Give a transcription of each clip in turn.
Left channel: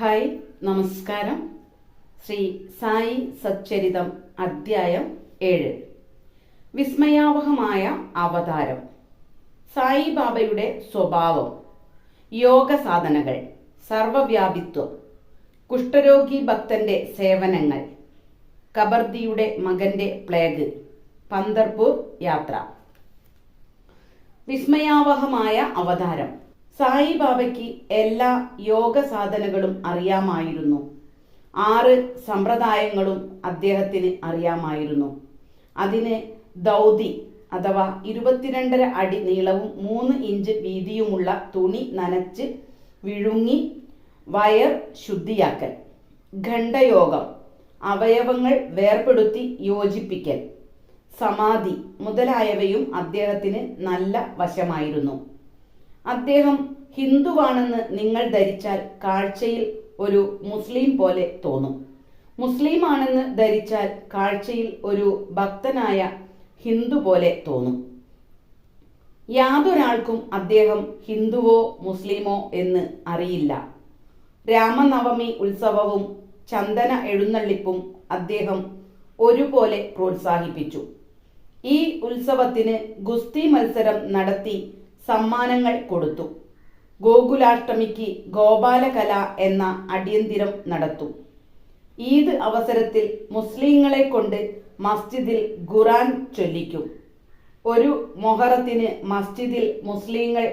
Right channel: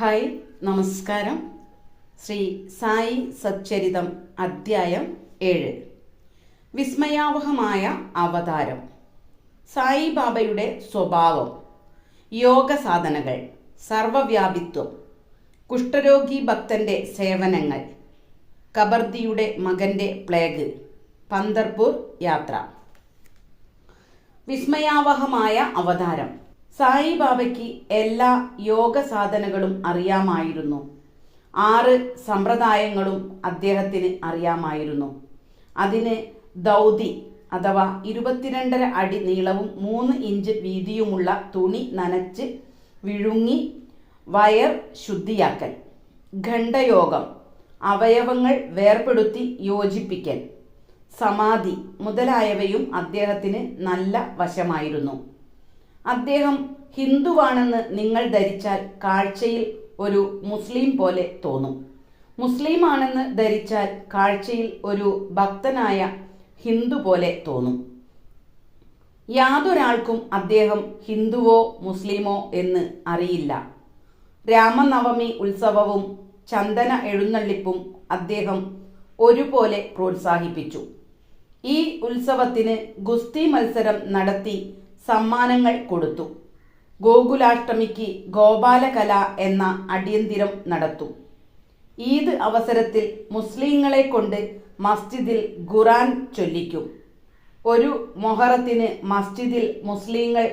Hi, നമസ്കാരം. ശ്രീ സായി സച്ചരിതം അധ്യായം 7. വിസ്മയാവഹമായ അവതാരം. സായിബാബയുടെ സ്വഭാവം, യോഗ സാധനകൾ, സർവവ്യാപിത്വം, കുഷ്ഠരോഗി ഭക്തന്റെ സേവനങ്ങൾ, കബർദിയുടെ മകന്റെ പ്ലേഗ്, പന്തർപൂർ യാത്ര. വിസ്മയാവഹമായ അവതാരം. സായിബാബയ്ക്ക് എല്ലാ യോഗ സാധനകളും അറിയാമായിരുന്നു. 6 സമ്പ്രദായങ്ങളും അദ്ദേഹത്തിന് അറിയാമായിരുന്നു. അതിന് ദൗതി അഥവാ 22.5 അടി നീളവും 3 ഇഞ്ച് വീതിയുമുള്ള തുണി നനച്ച് വിഴുങ്ങി വയർ ശുദ്ധിയാക്കൽ, ഖണ്ഡയോഗം, അവയവങ്ങൾ വേർപെടുത്തി യോജിപ്പിക്കൽ, സമാധി മുതലായവയും അദ്ദേഹത്തിന് നല്ല വശമായിരുന്നു. അദ്ദേഹം ഹിന്ദുവാണെന്ന് നിങ്ങൾ ധരിച്ചാൽ കാഴ്ചയിൽ ഒരു മുസ്ലിം പോലെ തോന്നും. മുസ്ലിം ആണെന്ന് ധരിച്ചാൽ കാഴ്ചയിൽ ഒരു ഭക്തനായ ഹിന്ദു പോലെ തോന്നും. യാതൊരാൾക്കും അദ്ദേഹം ഹിന്ദുവോ മുസ്ലിമോ എന്ന് അറിയില്ല. രാമനവമി ഉത്സവവും ചന്ദന എഴുന്നള്ളിപ്പും അദ്ദേഹം ഒരുപോലെ പ്രോത്സാഹിപ്പിച്ചു. ഈ ഉത്സവത്തിന് ഗുസ്തി മത്സരം നടത്തി സമ്മാനങ്ങൾ കൊടുത്തു. ഗോകുലാഷ്ടമിക്ക് ഗോപാലകല എന്ന അടിയന്തിരം നടത്തും. ഈദ് അവസരത്തിൽ മുസ്ലിങ്ങളെ കൊണ്ട് മസ്ജിദിൽ ഖുർആൻ ചൊല്ലിക്കും. ഒരു മൊഹറത്തിന് മസ്ജിദിൽ മുസ്ലിങ്ങൾ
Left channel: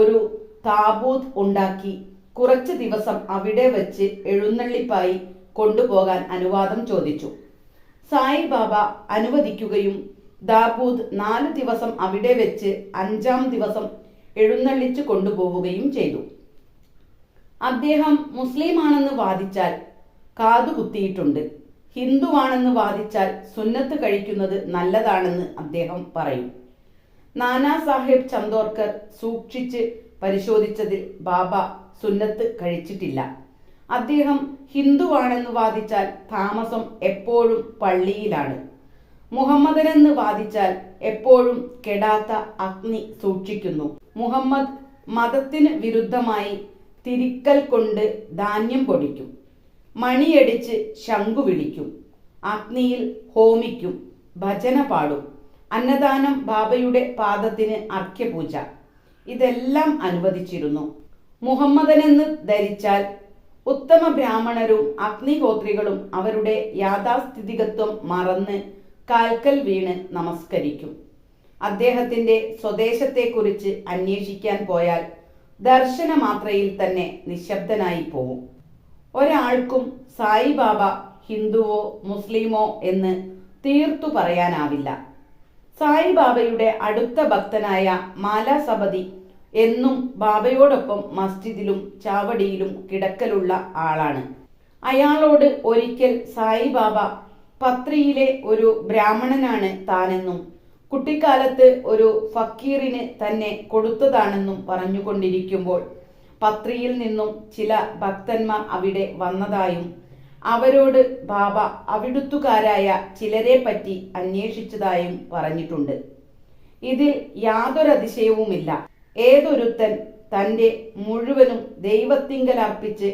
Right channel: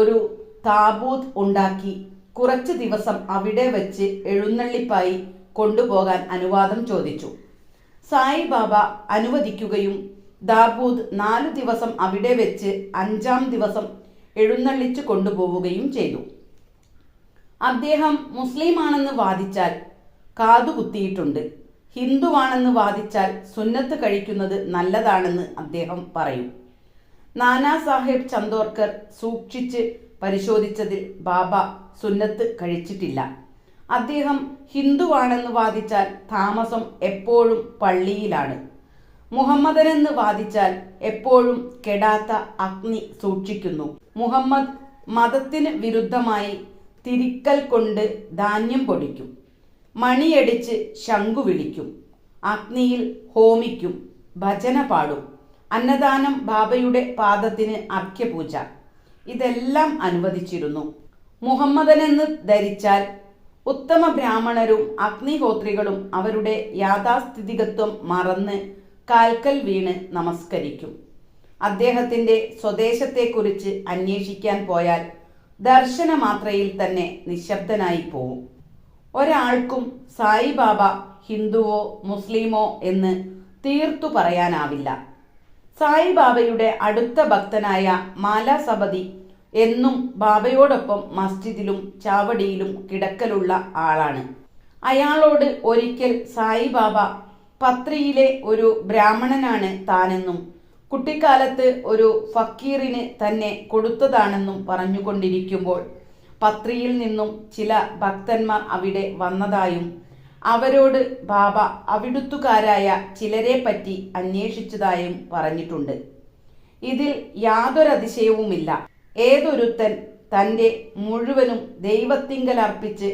ഒരു താബൂത്ത് ഉണ്ടാക്കി കുറച്ച് ദിവസം അവിടെ വെച്ച് എഴുന്നള്ളിപ്പായി കൊണ്ടുപോകാൻ അനുവാദം ചോദിച്ചു. സായിബാബ അനുവദിക്കുകയും ദാബൂദ് 4 ദിവസം അവിടെ വെച്ച് 5-ാം ദിവസം എഴുന്നള്ളിച്ചു കൊണ്ടുപോവുകയും ചെയ്തു. അദ്ദേഹം മുസ്ലിമാണെന്ന് വാദിച്ചാൽ കാതുകുത്തിയിട്ടുണ്ട്, ഹിന്ദുവാണെന്ന് വാദിച്ചാൽ സുന്നത്ത് കഴിക്കുന്നത് നല്ലതാണെന്ന് അദ്ദേഹം പറയും. നാനാ സാഹേബ് ചന്ദോർക്കർ സൂക്ഷിച്ച് പരിശോധിച്ചതിൽ ബാബ സുന്നത്ത് കഴിച്ചിട്ടില്ല. അദ്ദേഹം ഹിന്ദുവാണെന്ന് വാദിച്ചാൽ താമസം എപ്പോഴും പള്ളിയിലാണ്. മുഹമ്മദനെന്ന് വാദിച്ചാൽ എപ്പോഴും കെടാത്ത അഗ്നി സൂക്ഷിക്കുന്നു. മുഹമ്മദ് മതത്തിന് വിരുദ്ധമായി തിരിക്കൽ കൊണ്ട് ധാന്യം പൊടിക്കും, മണിയടിച്ച് ശംഖു വിളിക്കും, അഗ്നിയിൽ ഹോമിക്കും, ഭജന പാടും, അന്നദാനം, ബാബയുടെ പാദത്തിന് അർഘ്യപൂജ, ഇതെല്ലാം അനുവദിച്ചിരുന്നു. മുഹമ്മദനെന്ന് ധരിച്ചാൽ ഉത്തമ ബ്രാഹ്മണരും അഗ്നിഹോത്രികളും അവരുടെ യാഥാസ്ഥിതികത്വം മറന്ന് കാൽക്കൽ വീണ് നമസ്കരിക്കും. അദ്ദേഹത്തിന്റെ സ്വദേശത്തെക്കുറിച്ച് അന്വേഷിക്കാൻ പോയാൽ ദർശനമാത്രയിൽ തന്നെ നിശബ്ദനായി പോവും. ഒരാൾക്കും സായിബാബ ഹിന്ദുവോ മുസ്ലിമോ എന്ന് തീർത്തു പറയാനാവില്ല. സായിബാബയുടെ അടുത്ത ഭക്തനായ മാലാസപതി എന്നും ബാബയോടൊപ്പം മസ്ജിദിലും ചാവടിയിലും കിടക്കലുള്ള ആളാണ്. അയാളോട് ഒരിക്കൽ സായിബാബ പത്രിയിലെ ഒരു ബ്രാഹ്മണനാണ് താനെന്നും കുട്ടിക്കാലത്ത് ഒരു ഫക്കീറിന് തന്നെ കൊടുത്തതാണെന്നും പറഞ്ഞുകൊണ്ടിരിക്കുമ്പോൾ പത്രിയിൽ നിന്നും ചില ഭക്തന്മാർ അവിടെ വന്നതായും അവരോട് ബാബ അവിടുത്തുകാരായ ചിലരെ പറ്റി അന്വേഷിച്ചതായും പറഞ്ഞിട്ടുണ്ട്. ഇതിൽ യാതൊരതിശയവുമില്ല. ഏതൊരുത്തൻ തന്റെ മുഴുവനും ദൈവത്തിങ്കൽ അർപ്പിച്ച്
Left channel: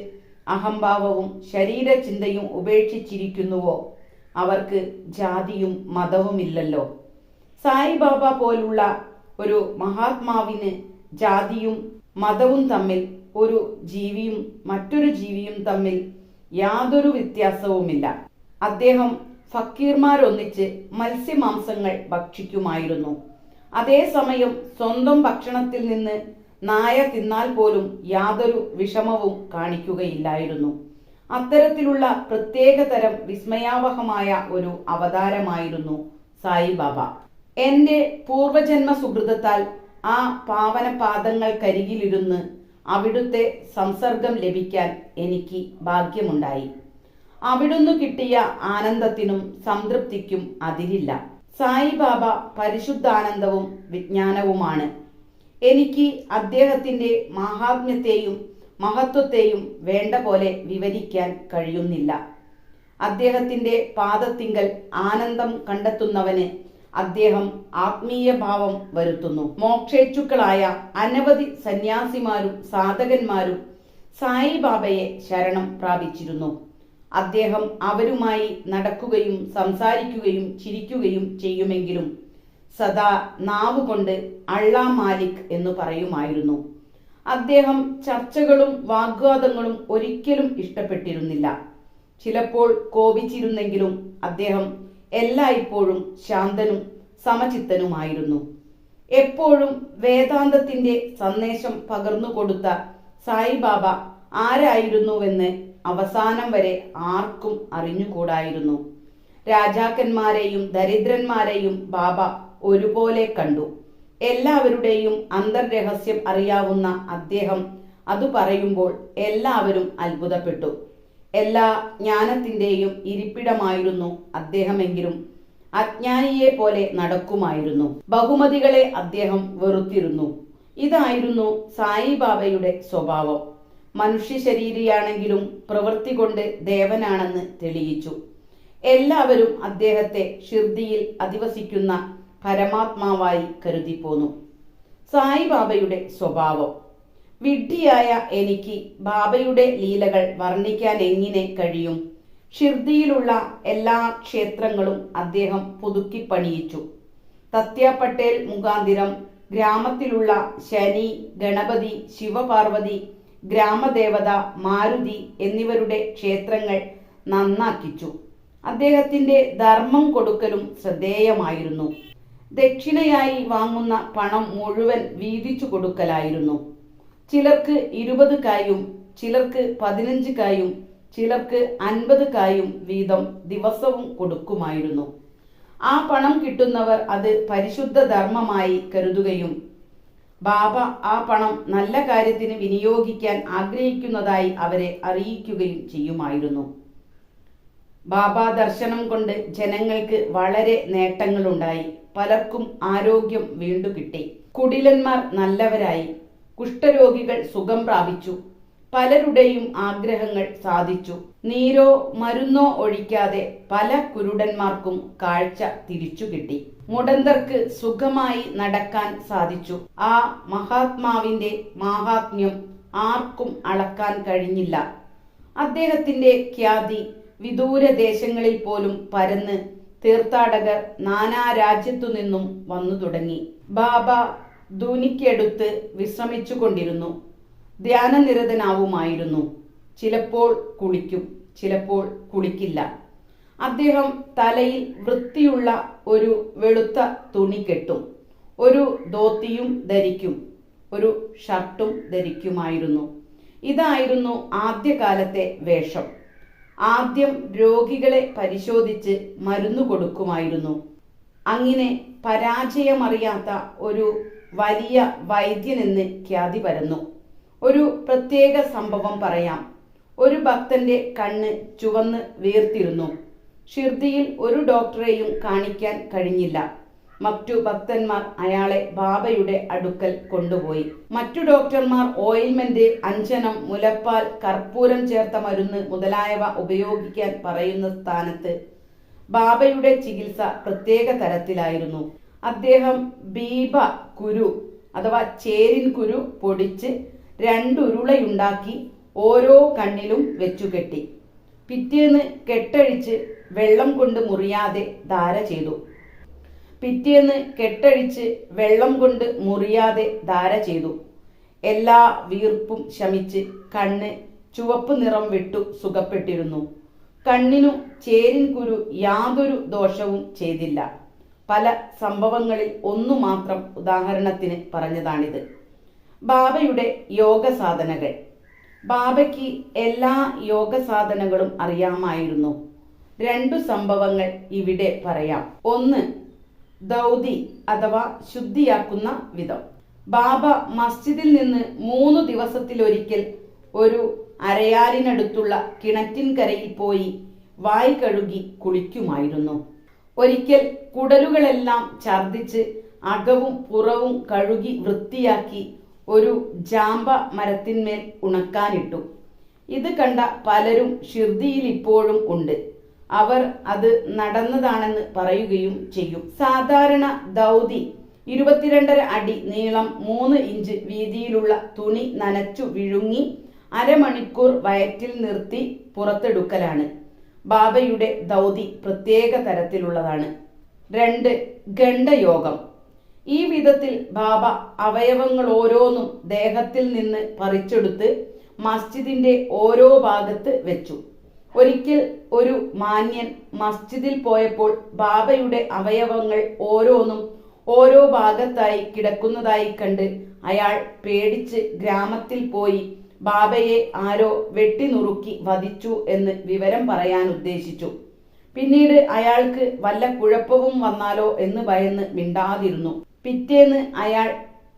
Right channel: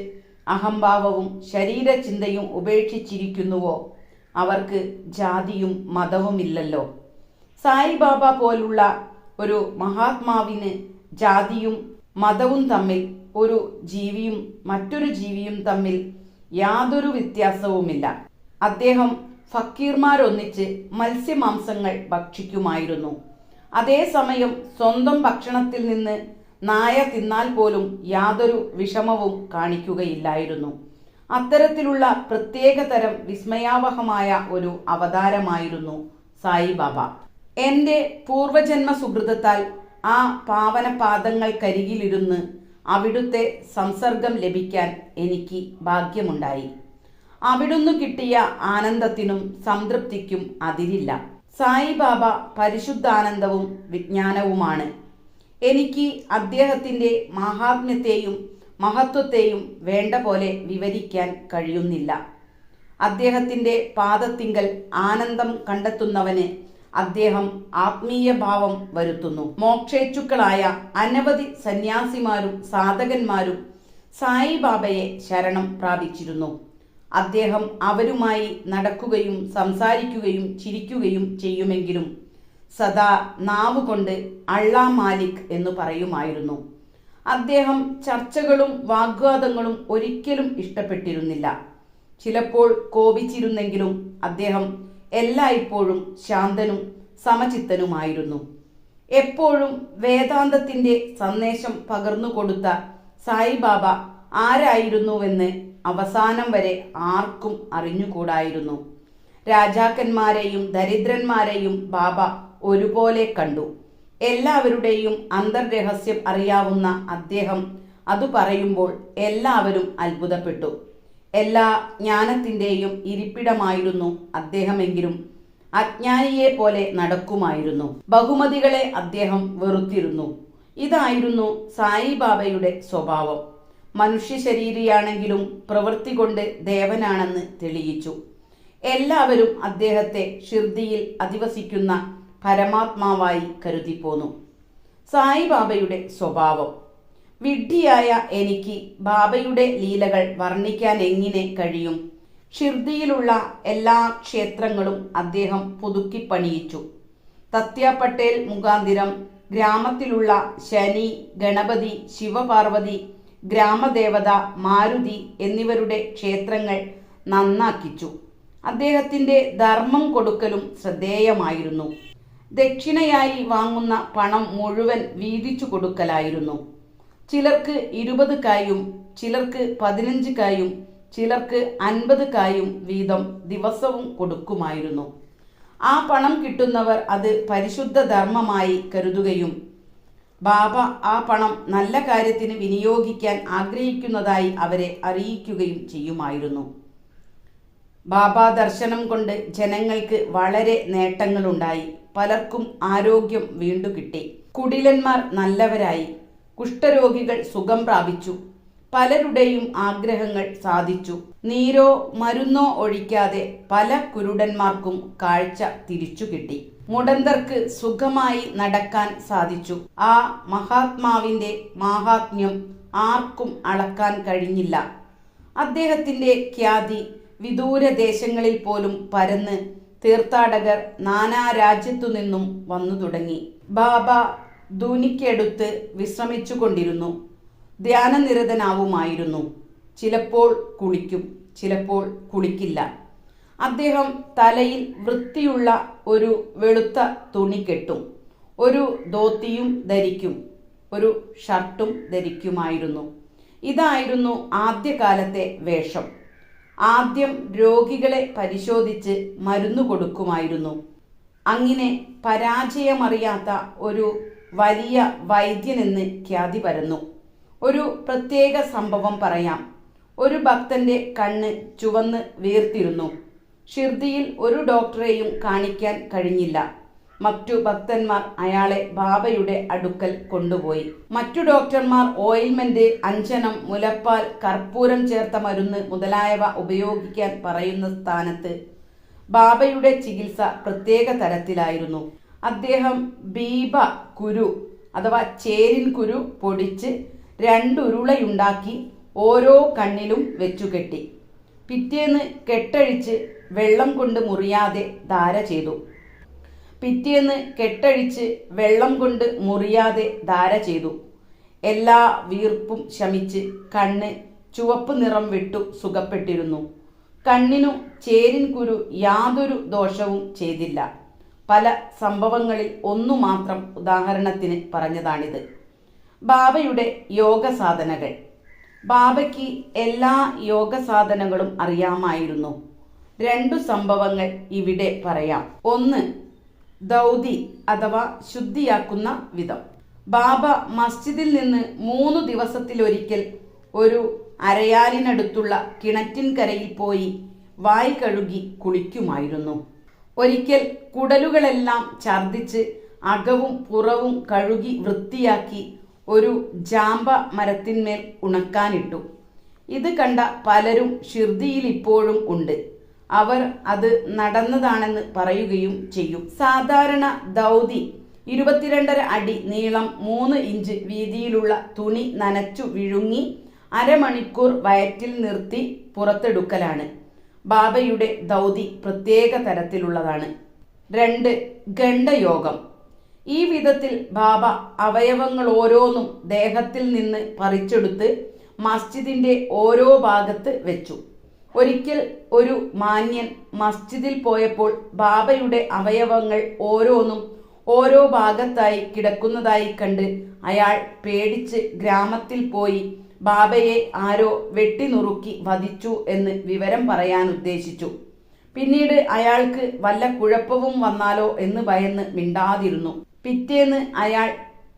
അഹംഭാവവും ശരീരചിന്തയും ഉപേക്ഷിച്ചിരിക്കുന്നുവോ അവർക്ക് ജാതിയും മതവുമില്ലല്ലോ. സായിബാബ പോലുള്ള ഒരു മഹാത്മാവിന് ജാതിയും മതവും തമ്മിൽ, ഒരു ജീവിയും മറ്റൊരു ജീവിയും തമ്മിൽ യാതൊരു വ്യത്യാസവുമില്ല. അദ്ദേഹം ഫക്കീർമാരൊന്നിച്ച് മത്സ്യമാംസങ്ങൾ ഭക്ഷിക്കുമായിരുന്നു. അതേസമയം സ്വന്തം ഭക്ഷണത്തിൽ നിന്ന് നായ തിന്നാൽ പോലും യാതൊരു വിഷമവും കാണിക്കുകയില്ലായിരുന്നു. അത്തരത്തിലുള്ള പ്രത്യേകതരം വിസ്മയാവഹമായ ഒരു അവതാരമായിരുന്നു സായിബാബ. എന്റെ പൂർവജന്മ സുഹൃതത്താൽ ആ പാവന പാദങ്ങൾക്കരികിലിരുന്ന് അവിടുത്തെ സംസർഗം ലഭിക്കാൻ എനിക്ക് ഭാഗ്യമുണ്ടായി. അവിടുന്ന് കിട്ടിയ ആനന്ദത്തിനും സംതൃപ്തിക്കും അതിരില്ല. സായിബാബ പരിശുദ്ധാനന്ദവും വിജ്ഞാനവുമാണ്. എനിക്ക് അദ്ദേഹത്തിന്റെ മാഹാത്മ്യത്തെയും മഹത്വത്തെയും വേണ്ട പോലെ വിവരിക്കാൻ കഴിയുന്നില്ല. അദ്ദേഹത്തിന്റെ പാദത്തിങ്കൽ ആനന്ദം കണ്ടെത്തുന്നവന് അദ്ദേഹം ആത്മീയ ഭാവം വരുത്തുന്നു. മോക്ഷേച്ഛുക്കളായ അനവധി സന്യാസിമാരും സാധകന്മാരും സായിബാബയെ ശരണം പ്രാപിച്ചിരുന്നു. അദ്ദേഹം അവരുമായി നടക്കുകയും സംസാരിക്കുകയും ചിരിക്കുകയും ചെയ്യുമെങ്കിലും സദാ നാവുകൊണ്ട് അള്ളാ മാലിക് എന്നു പറയുമായിരുന്നു. അദ്ദേഹം ചർച്ചകളും വാഗ്വാദങ്ങളും ഒരിക്കലും ഇഷ്ടപ്പെട്ടിരുന്നില്ല. ചിലപ്പോൾ കോപിച്ചിരുന്നെങ്കിലും അദ്ദേഹം എല്ലായ്പ്പോഴും ശാന്തനും സമചിത്തനുമായിരുന്നു. എപ്പോഴും വേദാന്തത്തിന്റെ സന്ദേശം പകർന്നുകൊടുത്ത സായിബാബ ആരായിരുന്നുവെന്ന് അവസാനം വരെ ആർക്കും അറിഞ്ഞുകൂടായിരുന്നു. രാജാക്കന്മാരെയും ദരിദ്രന്മാരെയും ബാബ ഒരുപോലെ കണ്ടു. എല്ലാവരുടെയും അന്തർരഹസ്യം അറിയാവുന്ന അദ്ദേഹം അത് പറയുമ്പോൾ എല്ലാവരും അത്ഭുതപ്പെട്ടു. എല്ലാ ജ്ഞാനത്തിന്റെയും ഇരിപ്പിടമായിരുന്നു അദ്ദേഹമെങ്കിലും അജ്ഞാനിയെ പോലെ നടക്കുമായിരുന്നു. ബഹുമതികളെ അദ്ദേഹം വെറുത്തിരുന്നു. ഇതായിരുന്നു സായിബാബയുടെ സ്വഭാവം. മനുഷ്യ ശരീരിയാണെങ്കിലും പ്രവൃത്തി കൊണ്ട് ദേവനാണെന്ന് തെളിയിച്ചു. എല്ലാവരും അദ്ദേഹത്തെ ഷിർദിയിൽ അധിവസിക്കുന്ന പരമാത്മാവായി കരുതിപ്പോന്നു. സായിബാബയുടെ സ്വഭാവം. വിഡ്ഢിയായ എനിക്ക് ബാബയുടെ ലീലകൾ വർണ്ണിക്കാൻ എങ്ങനെ കഴിയും? ഷിർദിയിലുള്ള എല്ലാ ക്ഷേത്രങ്ങളും അദ്ദേഹം പുതുക്കി പണിയിച്ചു. തത്യ പട്ടേൽ മുഖാന്തിരം ഗ്രാമത്തിലുള്ള ശനി, ഗണപതി, ശിവപാർവതി, ഗ്രാമദേവത, മാരുതി എന്നിവരുടെ ക്ഷേത്രങ്ങൾ നന്നാക്കിച്ചു. അദ്ദേഹത്തിന്റെ ധർമ്മം കൊടുക്കലും ശ്രദ്ധേയമായിരുന്നു. ദക്ഷിണയായി വാങ്ങുന്ന പണം മുഴുവൻ വീതിച്ചു കൊടുക്കലായിരുന്നു. ചിലർക്ക് 20 കായും ചിലർക്ക് 15 കായും ചിലർക്ക് 50 കായും വീതം ദിവസവും കൊടുക്കുമായിരുന്നു. ആ പണം കിട്ടുന്നവർ അത് പരിശുദ്ധ ധർമ്മമായി കരുതുകയും ബാബ ആ പണം നല്ല കാര്യത്തിന് വിനിയോഗിക്കാൻ ആഗ്രഹിക്കുന്നതായി അവരെ അറിയിക്കുകയും ചെയ്യുമായിരുന്നു. ബാബ ദർശനം കൊണ്ട് ജനങ്ങൾക്ക് വളരെ നേട്ടങ്ങളുണ്ടായി. പലർക്കും ആരോഗ്യം വീണ്ടു കിട്ടി. കുടിലന്മാർ നല്ലവരായി. കുഷ്ഠരോഗികൾ സുഖം പ്രാപിച്ചു. പലരുടെയും ആഗ്രഹങ്ങൾ സാധിച്ചു. നീരോ മരുന്നോ ഒഴിക്കാതെ പല കുരുടന്മാർക്കും കാഴ്ച തിരിച്ചു കിട്ടി. മുടന്തർക്ക് സുഖമായി നടക്കാൻ സാധിച്ചു. ആ മഹാത്മാവിന്റെ മാഹാത്മ്യം ആർക്കും അളക്കാൻ കഴിഞ്ഞില്ല. അദ്ദേഹത്തിന്റെ ഖ്യാതി വിദൂര ദേശങ്ങളിൽ പോലും പരന്ന് തീർത്ഥാടകർ നാനാ രാജ്യത്തു നിന്നും വന്നു തുടങ്ങി. ബാബ ധൂനിക്കടുത്ത് വിശ്രമിച്ചുകൊണ്ടിരുന്നു. ധ്യാനനിരതനാവുമായിരുന്നു. ചിലപ്പോൾ കുളിക്കും, ചിലപ്പോൾ കുളിക്കില്ല. അദ്ദേഹം തലയിൽ വൃത്തിയുള്ള ഒരു വെളുത്ത തുണി കെട്ടും. ഒരു ധോത്തിയും ധരിക്കും, ഒരു ഷർട്ടും ധരിക്കുമായിരുന്നു. ഇതായിരുന്നു ആദ്യകാലത്തെ വേഷം. ആദ്യം രോഗികളെ പരിശോധിച്ച് മരുന്ന് കൊടുക്കുമായിരുന്നു. അങ്ങനെ പരാജയമറിയാത്ത ഒരു വലിയ വൈദ്യനെന്ന് ഖ്യാതി പരന്നു. ഒരു പ്രത്യേക സംഭവം പറയാം. ഒരു ഭക്തന്റെ കണ്ണ് ചുവന്ന് വീർത്തിരുന്നു. ഷിർദിയിൽ ഒരു ഡോക്ടറെയും കാണിക്കാൻ കഴിഞ്ഞില്ല. മറ്റു ഭക്തന്മാർ അയാളെ ബാബയുടെ അടുക്കൽ കൊണ്ടുപോയി. മറ്റു ഡോക്ടർമാർ ഓയിൽമെന്റ്, അഞ്ജനം, മുലപ്പാൽ, കർപ്പൂരം ചേർത്ത മരുന്ന് മുതലായവ ഉപയോഗിക്കാൻ പറയുന്ന സ്ഥാനത്ത് ബാബയുടെ ചികിത്സ പ്രത്യേക തരത്തിലായിരുന്നു. അദ്ദേഹം ബീബ കുരു അഥവാ ചേരിൻ കുരു പൊടിച്ച് 2 ഉരുളയുണ്ടാക്കി ഓരോ കണ്ണിലും വെച്ചുകെട്ടി. പിറ്റേന്ന് കെട്ടഴിച്ച് വെള്ളം കൊണ്ട് മുറിയാതെ ധാര ചെയ്തു. പിറ്റേന്ന് കെട്ടഴിച്ച് വെള്ളം കൊണ്ട് മുറിയാതെ ധാര ചെയ്തു. എല്ലാ വീർപ്പും ശമിച്ച് കണ്ണ് ചുവപ്പ് നിറം വിട്ടു സുഖപ്പെട്ടിരുന്നു. കണ്ണിനു ചേരിൻ കുരു യാതൊരു ദോഷവും ചെയ്തില്ല. പല സംഭവങ്ങളിൽ ഒന്നു മാത്രം ഉദാഹരണത്തിന് പറഞ്ഞതാണിത്. ബാബയുടെ യോഗ സാധനകൾ. ബാബയ്ക്ക് എല്ലാ യോഗ സാധനങ്ങളും അറിയാമായിരുന്നു. 2 സംഭവങ്ങൾ ഇവിടെ പറയാം. ഒന്ന്, ദൗതി അഥവാ ശുദ്ധിയാക്കുന്ന വിധം. ബാബ മസ്ജിദിൽ നിന്ന് 3 ദിവസത്തിലൊരിക്കൽ ഒരു അരയാലിനടുത്തുള്ള കിണറ്റിൻകരയിൽ പോയി വായ് കഴുകി കുളിക്കുമായിരുന്നു. ഒരിക്കൽ കുടലുകളെല്ലാം ഛർദിച്ച് അകവും പുറവും കഴുകി വൃത്തിയാക്കി ഒരു ജാമ്പ മരത്തിന്മേൽ ഉണക്കാനിട്ടു. ഇത് കണ്ട പലരും ഷിർദിയിൽ ഇപ്പോഴും ഉണ്ട്. അവർ അത് നടന്നതാണെന്ന് പറയുകയും ചെയ്യും. സാധാരണ ദൗതി 22.5 അടി നീളം 3 ഇഞ്ച് വീതിയിലുള്ള തുണി നനച്ചു വിഴുങ്ങി അരമണിക്കൂർ വയറ്റിൽ നിർത്തി പുറത്തെടുക്കലാണ്. ബാബയുടെ ദൗതി പ്രത്യേക തരത്തിലുള്ളതാണ്. 2. ഗണ്ഡയോഗം. ഈ വിധത്തിൽ ബാബ അവയവങ്ങൾ ഓരോന്നും ദേഹത്തിൽ നിന്ന് പറിച്ചെടുത്ത് മസ്ജിദിന്റെ ഓരോ ഭാഗത്ത് വെച്ചു. ഒരിക്കൽ ഒരു മാന്യൻ മസ്ജിദിൽ പോയപ്പോൾ ബാബയുടെ അവയവങ്ങൾ ഓരോന്നും ഓരോ ഭാഗത്തായി കിടക്കുന്നതായി കണ്ട് അയാൾ പേടിച്ച് ഗ്രാമത്തിൽ പോയി ബാബയെ ആരോ വെട്ടിനുറുക്കി വധിച്ചു എന്ന് വിവരം പറയാൻ ഉദ്ദേശിച്ചു. പിന്നീട് അയാൾക്ക് വല്ല കുഴപ്പവും വന്നാലോ എന്ന് ഭയന്ന് മിണ്ടാതിരുന്നു. പിറ്റേന്ന് അയാൾ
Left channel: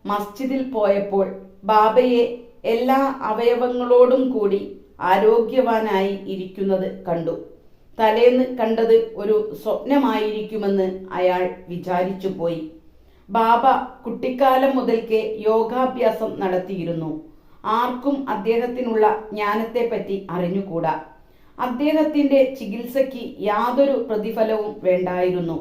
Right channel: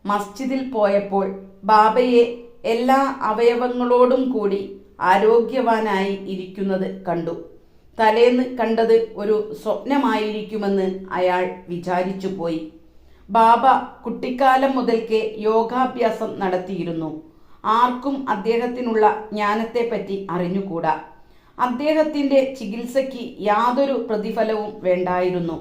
മസ്ജിദിൽ പോയപ്പോൾ ബാബയെ എല്ലാ അവയവങ്ങളോടും കൂടി ആരോഗ്യവാനായി ഇരിക്കുന്നത് കണ്ടു. തലേന്ന് കണ്ടത് ഒരു സ്വപ്നമായിരിക്കുമെന്ന് അയാൾ വിചാരിച്ചു പോയി. ബാബ കുട്ടിക്കാലം മുതൽക്കേ യോഗാഭ്യാസം നടത്തിയിരുന്നു. ആർക്കും അദ്ദേഹത്തിനുള്ള ജ്ഞാനത്തെപ്പറ്റി അറിഞ്ഞുകൂടാ. അദ്ദേഹത്തിന്റെ ചികിത്സയ്ക്ക് യാതൊരു പ്രതിഫലവും വേണ്ടായിരുന്നു.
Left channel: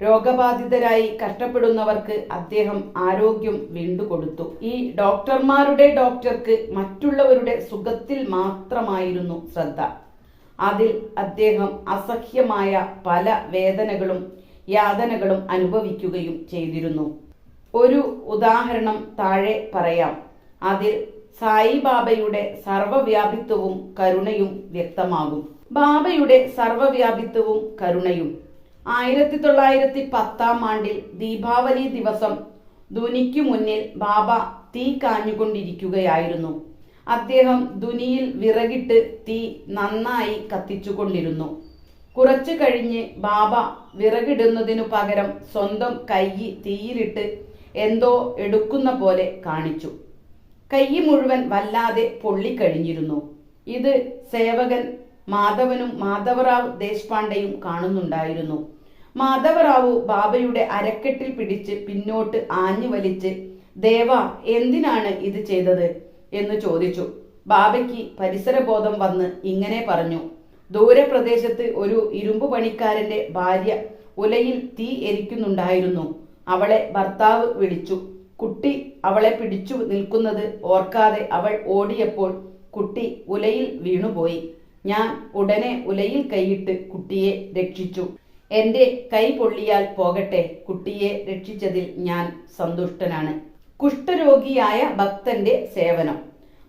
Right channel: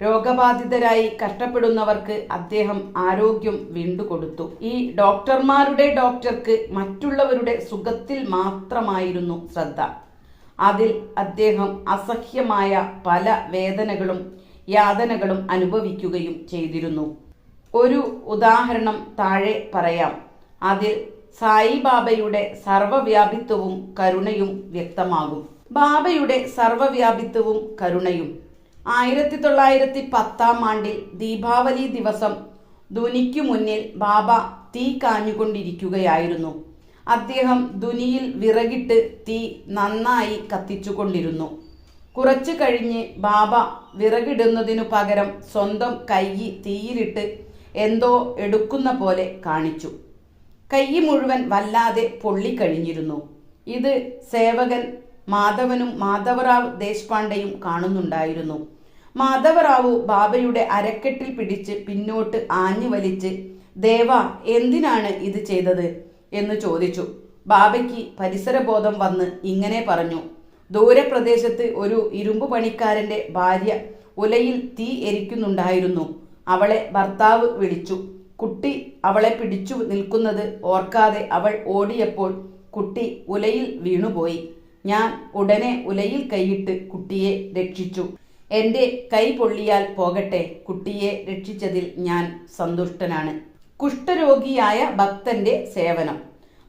രോഗബാധിതരായി കഷ്ടപ്പെടുന്നവർക്ക് അദ്ദേഹം ആരോഗ്യം വീണ്ടുകൊടുത്തു. ഈ ഡോക്ടർമാരുടെ ഡോക്ടർക്ക് മറ്റുള്ളവരുടെ സുഖത്തിൽ മാത്രമായിരുന്നു ശ്രദ്ധ. അതിൽ അദ്ദേഹം അസഹ്യമായ പല വേദനകളും യാതനകളും അനുഭവിക്കുകയും ചെയ്തിരുന്നു. ഒരു ഉദാഹരണം താഴെ പറയാം. അതിൽ സായിബാബയുടെ സർവവ്യാപിത്വവും കരുണയും വ്യക്തമാകും. ബാബയുടെ സർവവ്യാപിത്വവും കരുണയും 1910 ദീപാവലി ദിവസം ധുനിക്കു മുന്നിൽ ബാബ തീ കാഞ്ഞുകൊണ്ടിരിക്കുകയായിരുന്നു. അദ്ദേഹം ധുനിയിൽ വിറകിട്ട് തീ നന്നായി കത്തിച്ചുകൊണ്ടിരുന്നു. കുറച്ചു കഴിഞ്ഞ് ബാബ വിറകിടുന്നതിനു പകരം സ്വന്തം കൈ തീയിലിട്ട് എന്തോ എടുക്കുന്ന പോലെ കാണിച്ചു. കൈ മുഴുവൻ വല്ലാതെ പൊള്ളിക്കഴിഞ്ഞിരുന്നു. ഇത് സേവകൻ മാധവനും മാധവറാവ് ദേശ്പാണ്ഡെയും കാണുന്നുണ്ടായിരുന്നു. മാധവറാവു ബാബയുടെ അരക്കെട്ടിൽ പിടിച്ച് പിന്നോട്ട് ആഞ്ഞു വലിച്ച്, ദേവ, എന്തിനാണ് ഇത് ചെയ്തത് എന്ന് ചോദിച്ചു. ബാബയ്ക്ക് പരിസരബോധം വന്ന് ഇങ്ങനെ പറഞ്ഞു: ദൂരപ്രദേശത്ത് ഒരു ഇരുമ്പു പണിക്കാരന്റെ ഭാര്യ ഉലയിൽ തീ എരിക്കുന്നുണ്ടായിരുന്നു. അവളെ ഭർത്താവ് വിളിച്ചു. കുട്ടി അവളെ പിടിച്ചു നിൽക്കുന്നത് ഓർക്കാതെ അവൾ ഓടിയപ്പോൾ കുട്ടി ഉലയിൽ വീണുപോയി. ഞാൻ ഉടനെ ഉലയിൽ കൈയിട്ട് കുട്ടിയെ രക്ഷിച്ചു. എന്റെ കൈ പൊള്ളിയാൽ പോകട്ടെ, കുട്ടിയെ രക്ഷിച്ചതിൽ ഞാൻ സന്തുഷ്ടനാണ്. കുഷ്ഠരോഗിയായ ഭക്തന്റെ സേവനം.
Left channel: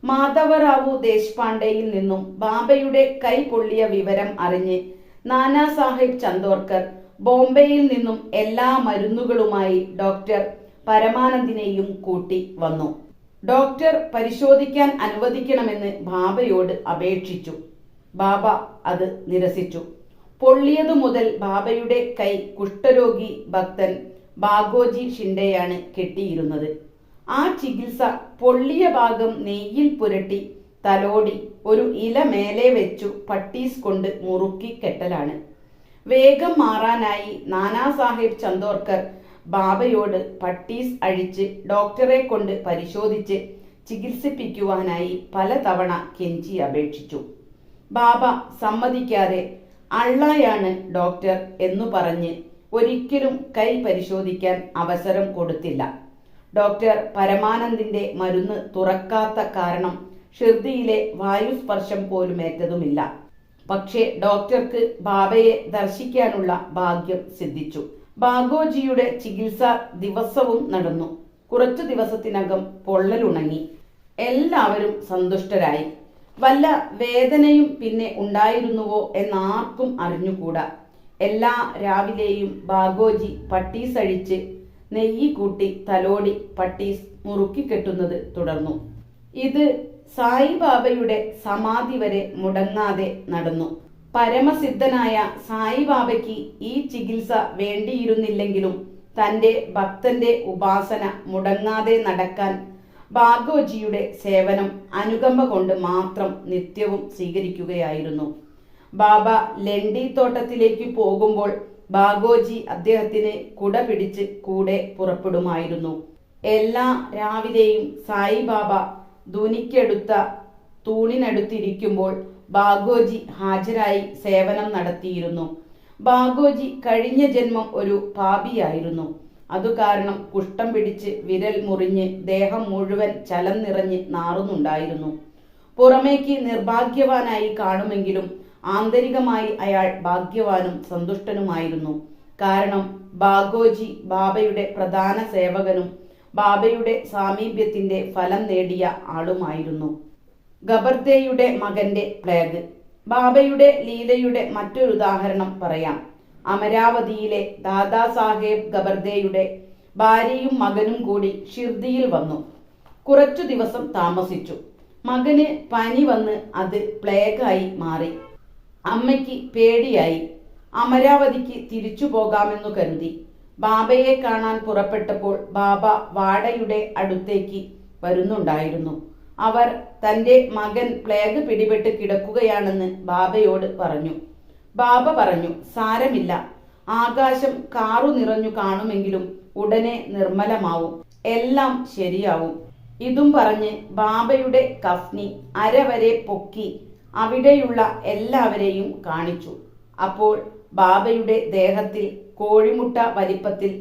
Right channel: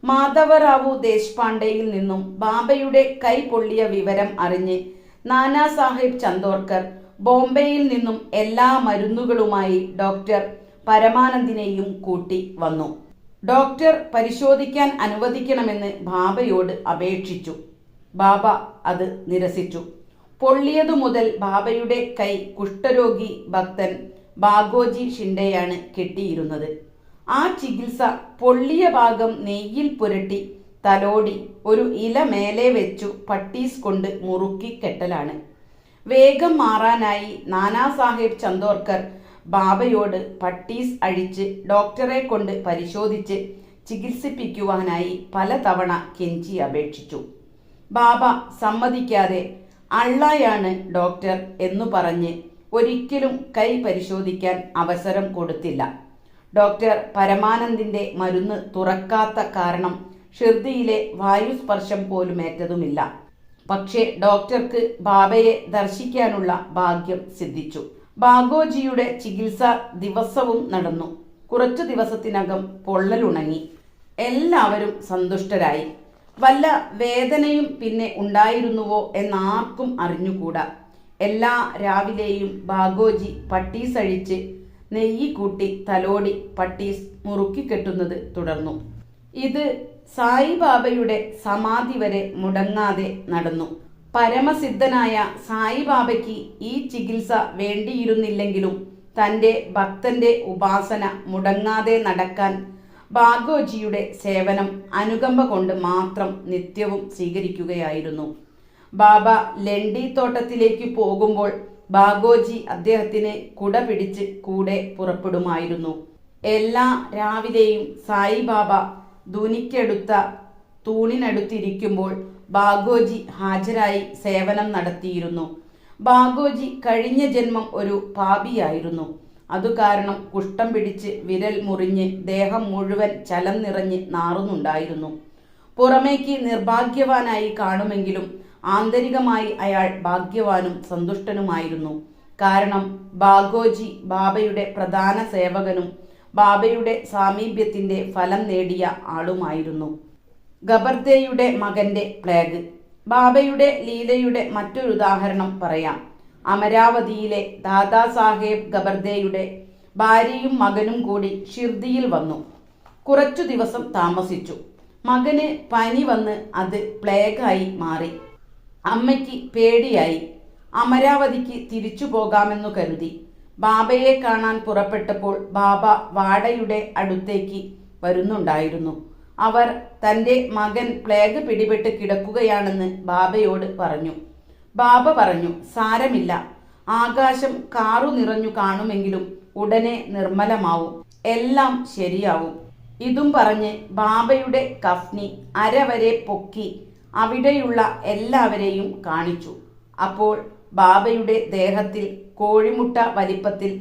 മാധവറാവു ദേശ്പാണ്ഡെയിൽ നിന്നും ബാബയുടെ കൈ പൊള്ളിയ വിവരം അറിഞ്ഞ് നാനാ സാഹിബ് ചന്ദോർക്കർ ബോംബെയിൽ നിന്നും എല്ലാ മരുന്നുകളുമായി ഡോക്ടർ പരമാനന്ദിനെയും കൂട്ടി വന്നു. ഡോക്ടർ പരിശോധിക്കാൻ അനുവദിക്കണമെന്ന് ബാബയോട് അപേക്ഷിച്ചു. ബാബ അത് നിരസിച്ചു. പൊള്ളിയതു മുതൽ ബാബയുടെ കൈ കുഷ്ഠരോഗി ഭക്തൻ ബാഗോജി ഷിൻഡെയാണ് കെട്ടിയിരുന്നത്. ആ ചികിത്സ പൊള്ളിയ ഭാഗം നെയ്യിൽ പുരട്ടി തലോടി ഒരു ഇല മേലെ വെച്ചു പട്ടീസ് കൊണ്ട് മുറുക്കി കെട്ടലാണ്. വേഗം മാറാനായി നാനാ സാഹിബ് ചന്ദോർക്കർ ബാബയോട് പട്ടീസ് അഴിച്ച് ഡോക്ടറെ കൊണ്ട് പരിശോധിച്ച് ചികിത്സിപ്പിക്കുവാനായി പലതവണ കെഞ്ചി അപേക്ഷിച്ചു. ബാബ സമ്മതിക്കാതെ അള്ളയാണ് ഡോക്ടർ എന്നു പറഞ്ഞ് ഒരിക്കലും കൈ പരിശോധിക്കാൻ അവസരം കൊടുത്തില്ല. ഡോക്ടർ പരമാനന്ദിന്റെ മരുന്ന് തുറക്കാത്ത കാരണം ഷിർദിയിലെ വായുസ്പർശം പോലുമേറ്റതുമില്ല. പക്ഷേ ഡോക്ടർക്ക് ബാബയെ ദർശിക്കാനുള്ള ഭാഗ്യം സിദ്ധിച്ചു. ബാഗോജിയുടെ ചികിത്സ ദിവസവും നടന്നു. കുറച്ചു ദിവസത്തിനകം പൊള്ളലുണങ്ങി. എല്ലാവരും സന്തുഷ്ടരായി. വല്ല വേദനയും പിന്നെ ഉണ്ടായിരുന്നുവോ എന്നാർക്കും അറിഞ്ഞുകൂടാ. എല്ലാ രാവിലെയും ബാഗോജി പട്ടീസ് അഴിച്ച് നെയ്യ് കൂട്ടി തലോടി പട്ടീസ് മുറുക്കിക്കെട്ടുന്നത് തുടർന്നു. ഇത് സായിബാബയുടെ സമാധി വരെ മുടങ്ങാതെ നടന്നു. പരമസിദ്ധനായ സായിബാബയ്ക്ക് ഈ ചികിത്സ വേണ്ടിയിരുന്നില്ലെങ്കിലും തന്റെ ഭക്തന്റെ ഉപാസന മുടങ്ങാതെ നടക്കാൻ ബാഗോജിയുടെ സേവനം അനുകമ്പ കൊണ്ട് മാത്രം നിത്യവും സ്വീകരിക്കുകയായിരുന്നു. ബാബ ലണ്ടി തോട്ടത്തിലേക്ക് പോകുമ്പോൾ ബാഗോജി അദ്ദേഹത്തിന് കുട പിടിച്ച് കൂടെ പുറപ്പെടുമായിരുന്നു. എല്ലാ രാവിലെയും സായിബാബ ധുനിക്കെടുത്ത തൂണിനടുത്തിരിക്കുമ്പോൾ ബാഗോജി ഹാജരായി സേവനം നടത്തിയിരുന്നു. ബാഗോജി കഴിഞ്ഞ ജന്മം ഒരു പാപിയായിരുന്നു. അതുകാരണം കുഷ്ഠം പിടിച്ച് വിരൽ മുറിഞ്ഞ് ദേഹം മുഴുവൻ ചലം നിറഞ്ഞ് നാറുന്നുണ്ടായിരുന്നു. പുറമേക്ക് നിർഭാഗ്യവാനായി കാണുമെങ്കിലും ആന്തരികമായി അയാൾ ഭാഗ്യവാനും സന്തുഷ്ടനുമായിരുന്നു. കാരണം ബാഗോജി ബാബയുടെ പ്രധാന സേവകനും ബാബയുടെ സാമീപ്യത്തിന്റെ ഫലം നേടിയ ആളുമായിരുന്നു. ഗബർദേയുടെ മകന്റെ പ്ലേഗ്. ബാബയുടെ ലീലയുടെ മറ്റൊരു ഉദാഹരണം പറയാം. അമരാവതിയിലെ ദാദാസാഹേബ് ഗബർദേയുടെ ഭാര്യയും മകനും കൂടി ഷിർദിയിൽ വന്നു. കുറച്ചു ദിവസം താമസിച്ചു. മകന് പനി വന്ന് അത് പ്ലേഗായി മാറി. അമ്മയ്ക്ക് പേടിയായി. അമരാവതിക്ക് തിരിച്ചു പോകാമെന്നു കരുതി. ബാബയെ കാണാൻ പുറപ്പെട്ടപ്പോൾ ബാബ വാടയുടെ അടുത്തേക്ക് വരുന്നുണ്ടായിരുന്നു. അവർ തന്റെ മകൻ പ്ലേഗ് പിടിപെട്ട് കിടക്കുകയാണെന്ന് ബാബയോട് പറഞ്ഞു. ബാബ പറഞ്ഞു, സാരമില്ല, ആകാശം കാറു നിറഞ്ഞു കാണുമെങ്കിലും ഉടനെ നിർമ്മലമാവും, എല്ലാം ശരിയാവും. ഇതും പറഞ്ഞ് ബാബയുടെ കഫ്നി അരവരെ പൊക്കി അവിടെയുള്ള എല്ലാവരെയും കാണിച്ചു. അപ്പോൾ ബാബയുടെ ദേഹത്തിൽ കോഴിമുട്ട വലിപ്പത്തിൽ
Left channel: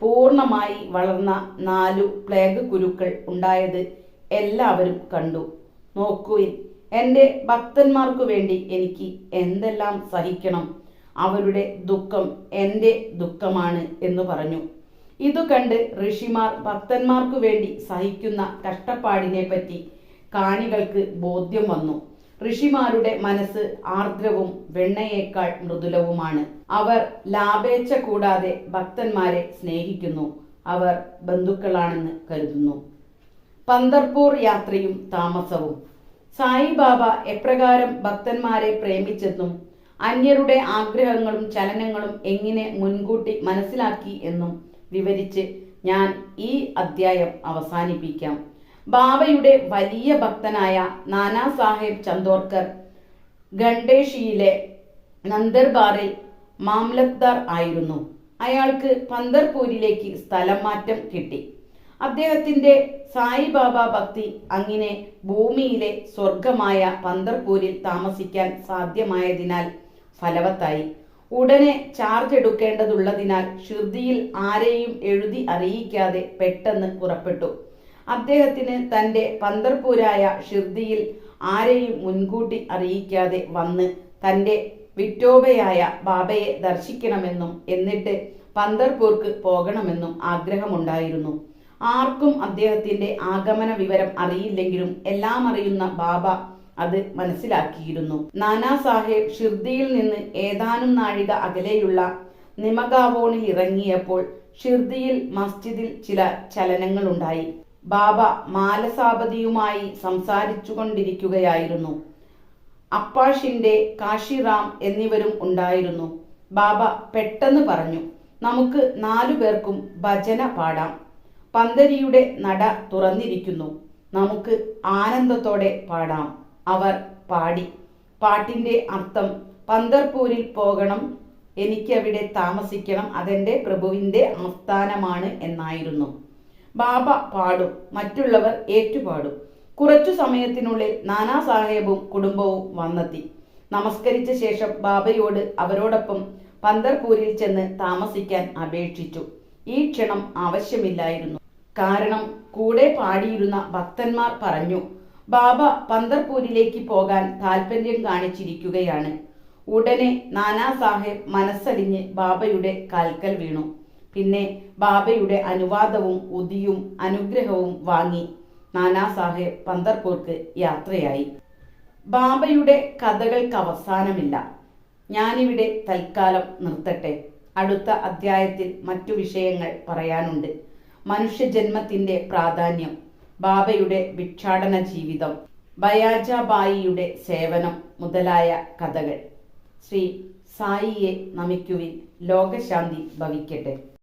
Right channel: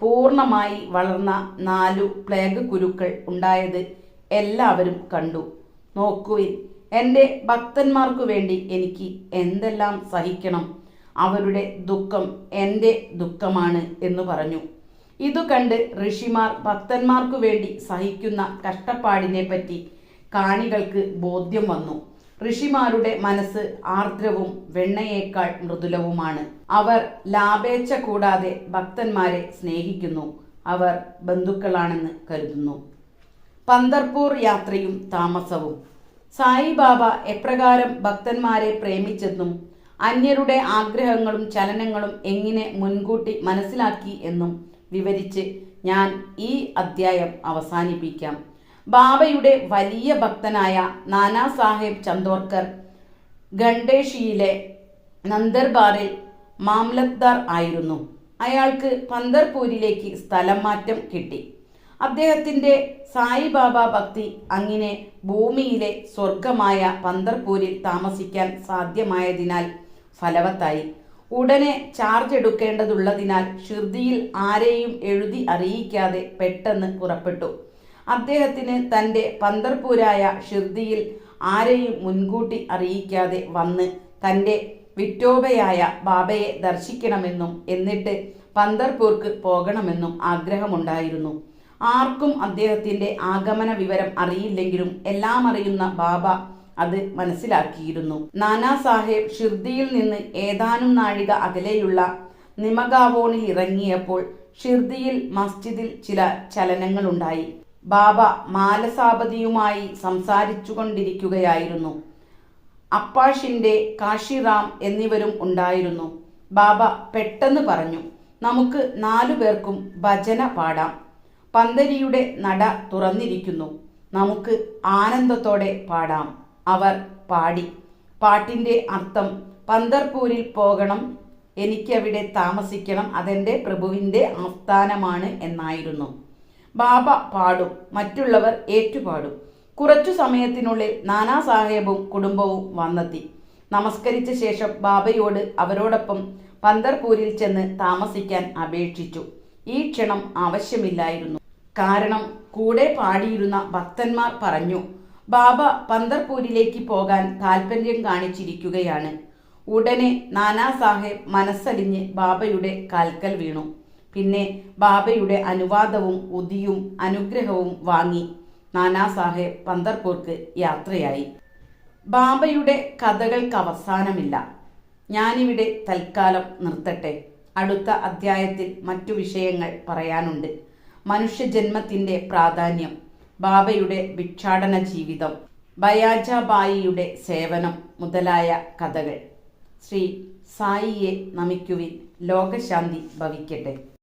പൂർണ്ണമായി വളർന്ന 4 പ്ലേഗ് കുരുക്കൾ ഉണ്ടായത് എല്ലാവരും കണ്ടു. നോക്കുവിൻ, എൻ്റെ ഭക്തന്മാർക്കു വേണ്ടി എനിക്ക് എന്തെല്ലാം സഹിക്കണം, അവരുടെ ദുഃഖം എൻ്റെ ദുഃഖമാണ് എന്ന് പറഞ്ഞു. ഇതു കണ്ട് ഋഷിമാർ ഭക്തന്മാർക്കു വേണ്ടി സഹിക്കുന്ന കഷ്ടപ്പാടിനെ പറ്റി കാണികൾക്ക് ബോധ്യം വന്നു. ഋഷിമാരുടെ മനസ്സ് ആർദ്രവും വെണ്ണയേക്കാൾ മൃദുലവുമാണ്. അവർ ലാഭേച്ഛ കൂടാതെ ഭക്തന്മാരെ സ്നേഹിക്കുന്നു. അവർ ബന്ധുക്കളാണെന്ന് കരുതുന്നു. പന്തർപൂർ യാത്രയും താമസവും. സായിബാബ എപ്രകാരം ഭക്തന്മാരെ പ്രേമിച്ചെന്നും അന്യരുടെ ആഗ്രഹങ്ങളും ചലനങ്ങളും എങ്ങനെ മുൻകൂട്ടി മനസ്സിലാക്കി എന്നും വിവരിച്ച് ഞാൻ ഈ അധ്യായം അവസാനിപ്പിക്കാം. ബാബയുടെ വലിയ ഭക്തനായ നാനാ സാഹേബ് ചന്ദോർക്കർ ഗണ്ടേഷിയിലെ നന്ദർബാറിൽ മാംലത്ദാർ ആയിരുന്നു. അയാൾക്ക് പന്തർപൂരിലേക്ക് സ്ഥലം മാറ്റം കിട്ടി. അദ്ദേഹത്തിന്റെ സായിബാബ ഭക്തി അങ്ങനെ ഭൂമിയിലെ സ്വർഗമായ പന്തർപൂരിൽ താമസിക്കാൻ സാധ്യമായതിനാൽ ഫലവത്തായി. ഉടനെ ചാർജ് എടുക്കേണ്ടതുള്ളതിനാൽ ഷിർദിയിൽ ആരെയും എഴുതി അറിയിക്കാതെ പെട്ടെന്ന് പുറപ്പെട്ടു. അദ്ദേഹത്തിന് തന്റെ പന്തർപൂരായ ഷിർദിയിൽ ആരെയും മുൻകൂട്ടി അറിയിക്കാതെ വന്ന് തന്റെ വിറ്റോബയായ ബാബയെ ദർശിക്കണമെന്നും എന്നിട്ട് പന്തർപൂർക്ക് പോകണമെന്നും ആഗ്രഹമുണ്ടായിരുന്നു. ആർക്കും അദ്ദേഹത്തിന്റെ ആഗമന വിവരം അറിയില്ലെങ്കിലും എല്ലാം അറിയുന്ന ബാബ അത് മനസ്സിലാക്കിയിരുന്നു. നാനാ സാഹേബ് ഷിർദിയിൽ നിന്ന് ഏതാനും നാഴിക അകലെയുള്ള നിമഗാവോണിൽ ഇറങ്ങിയപ്പോൾ ഷിർദിയിൽ മസ്ജിദിൽ ചില ചലനങ്ങളുണ്ടായി. ബാബ മാലസാപതിയുമായി സംസാരിച്ചു കൊണ്ടിരിക്കുകയായിരുന്നു. അപ്പാഷിന്റെ കാശിറാം എന്നിവരും ഉണ്ടായിരുന്നു. ബാബ പെട്ടെന്ന് പറഞ്ഞു, നമുക്ക് 4 പേർക്കും ഭജന പാടാം. പന്തരിയുടെ നട തുറന്നിരിക്കുന്നു, നമുക്ക് ആനന്ദത്തോടെ പാടാം. അവർ പാടി. പാട്ടിന്റെ അർത്ഥം പന്തർപൂരിൽ പോകണം, എനിക്കവിടെ താമസിക്കണം, അതെന്റെ പ്രഭുവിന്റെ ആസ്ഥാനമാണ് എന്നായിരുന്നു. ബാബ പാടും, മറ്റുള്ളവർ ഏറ്റുപാടും. കുറച്ചു സമയത്തിനുള്ളിൽ നാനാ സാഹേബും കുടുംബവും വന്നെത്തി. നമസ്കരിച്ച ശേഷം ബാബയോട് അവരോടൊപ്പം പന്തർപൂരിൽ ചെന്ന് താമസിക്കാൻ അപേക്ഷിച്ചു. ഈ ക്ഷണം ആവശ്യമില്ലായിരുന്നു. കാരണം കൂടെ പാടിയിരുന്ന ഭക്തന്മാർ പറഞ്ഞു, ബാബ പന്തർപൂരിലേക്ക് പോകാൻ താല്പര്യം കാണിച്ചിരിക്കുകയാണ്. ഉടനെ നാനാ സാഹേബ് മനസ്സലിഞ്ഞ് ബാബയുടെ കാൽക്കൽ വീണു. പിന്നെ ബാബയുടെ അനുവാദവും ഉദിയും അനുഗ്രഹവും വാങ്ങി നാനാ സാഹേബ് പന്തർപൂർക്ക് യാത്രയായി. ബാബയുടെ കഥകൾക്ക് അവസാനമില്ല. ഞാനിവിടെ തൽക്കാലം നിർത്തട്ടെ. അടുത്ത അധ്യായത്തിൽ മറ്റു വിഷയങ്ങൾ പറയാനുണ്ട്. മനുഷ്യജന്മത്തിന്റെ പ്രാധാന്യം, ബാബയുടെ ഭിക്ഷാടന ജീവിതം, ബയാജാബായിയുടെ സേവനം മുതലായ കഥകൾ. ശ്രീ സായിയെ നമിക്കുവിൻ. ലോകശാന്തി ഭവിക്കട്ടെ.